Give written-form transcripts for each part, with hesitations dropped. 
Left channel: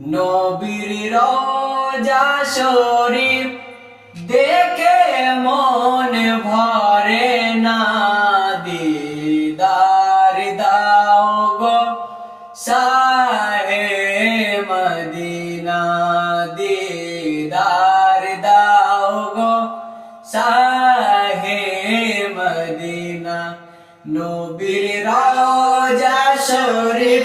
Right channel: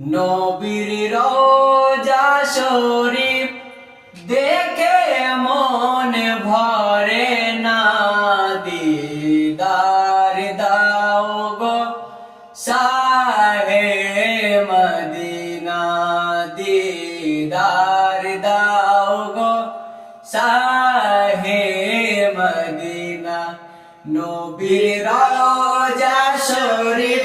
নবীর রওজা শরীফ দেখে মন ভরে না, দিদার দাও গো শাহে মদিনা, দিদার দাও গো শাহে মদিনা। নবীর রওজা শরীফ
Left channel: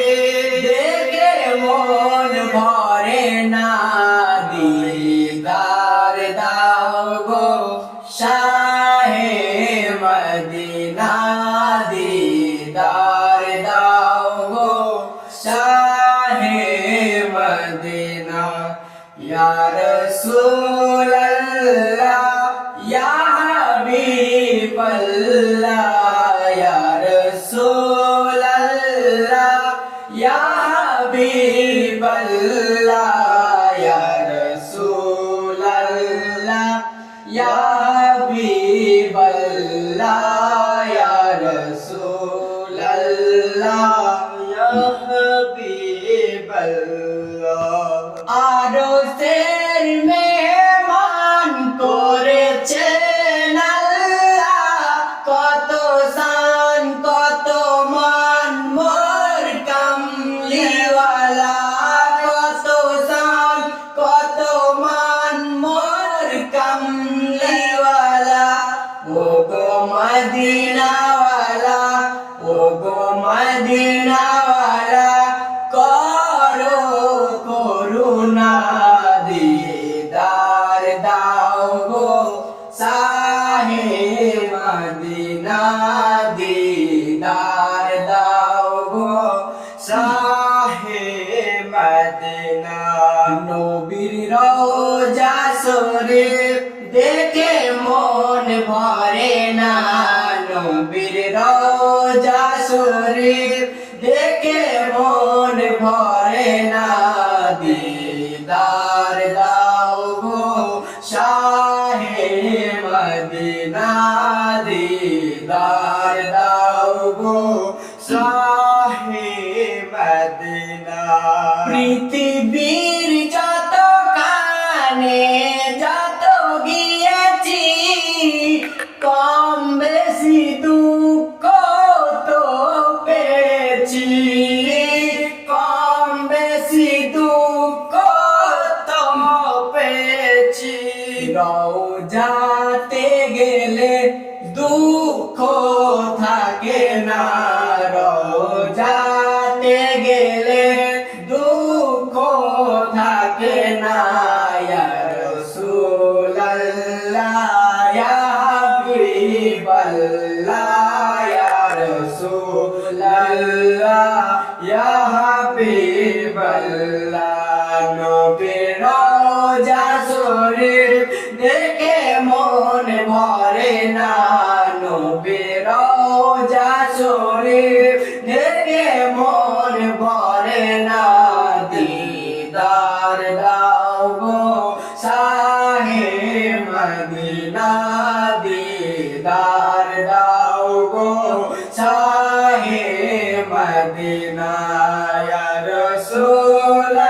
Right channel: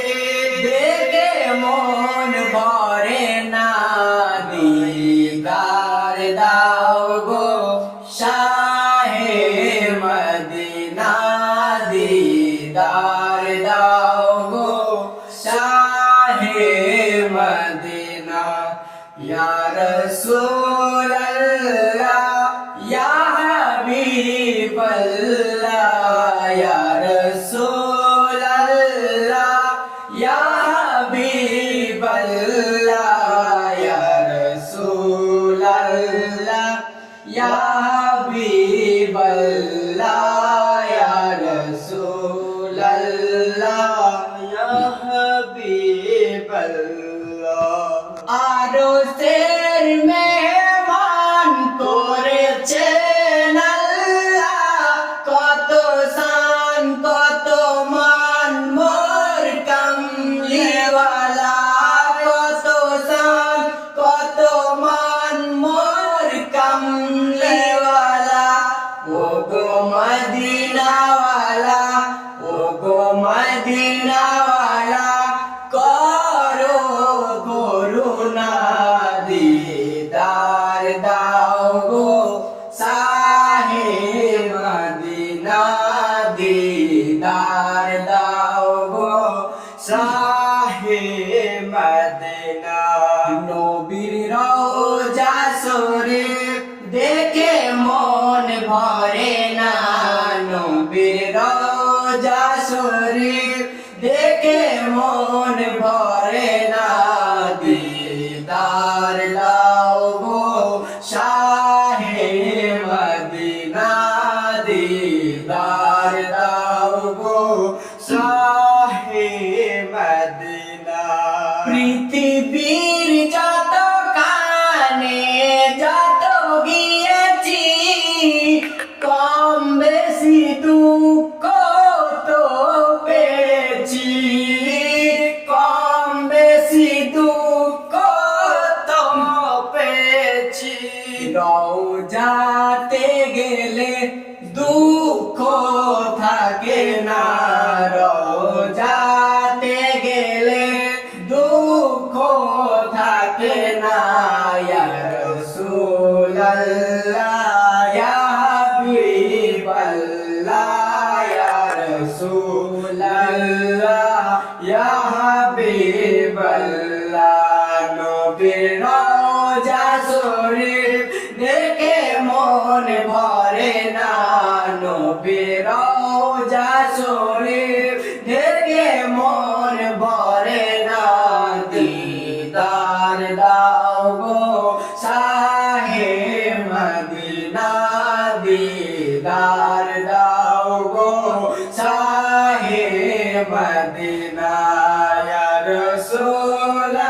দেখে মন ভরে না, দিদার দাও গো শাহে মদিনা, দিদার দাও গো শাহে মদিনা। ইয়া রাসূলুল্লাহ ইয়া হাবিবাল্লাহ, ইয়া রাসূলুল্লাহ ইয়া হাবিবাল্লাহ, ইয়া রাসূলুল্লাহ ইয়া হাবিবাল্লাহ, ইয়া রাসূলুল্লাহ ইয়া হাবিবাল্লাহ। আরশের মেহমান করেছেন আল্লাহ, কত শান কত মান মোর কামলিওয়ালা, কত শান কত মান মোর কামলিওয়ালা। ও গো মদিনাওয়ালা, ও গো মদিনাওয়ালা, করো করুণা, দিদার দাও গো শাহে মদিনা, দিদার দাও গো শাহে মদিনা। নবীর রওজা শরীফ দেখে মন ভরে না, নবীর রওজা শরীফ দেখে মন ভরে না, দিদার দাও গো শাহে মদিনা, দিদার দাও গো শাহে মদিনা। পৃথিবীর যত কানে যত গিয়েছি, কম বেশি দুঃখ তো পেয়েছি, কম বেশি দুঃখ তো পেয়েছি। রওজাতে গেলে দুঃখ থাকে না, রওজাতে গেলে দুঃখ থাকে না। ইয়া রাসূলুল্লাহ ইয়া হাবিবাল্লাহ, ইয়া রাসূলুল্লাহ ইয়া হাবিবাল্লাহ। নবীর রওজা শরীফ দেখে মন ভরে না, নবীর রওজা শরীফ দেখে মন ভরে না, দিদার দাও গো শাহে মদিনা, দিদার দাও গো শাহে মদিনা। ইয়া রাসূলুল্লাহ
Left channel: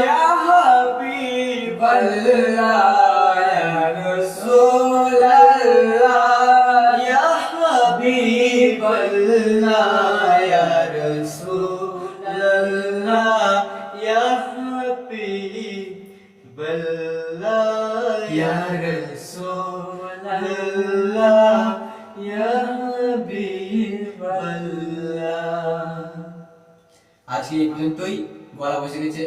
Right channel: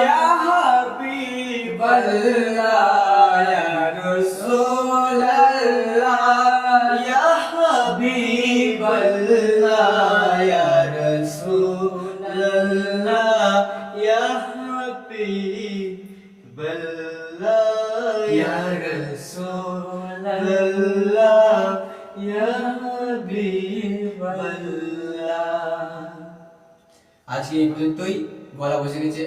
ইয়া হাবিবাল্লাহ, ইয়া রাসূলুল্লাহ ইয়া হাবিবাল্লাহ, ইয়া রাসূলুল্লাহ ইয়া হাবিবাল্লাহ, ইয়া রাসূলুল্লাহ ইয়া হাবিবাল্লাহ। আজকে এই পর্যন্তই, গলা বসে গেছে।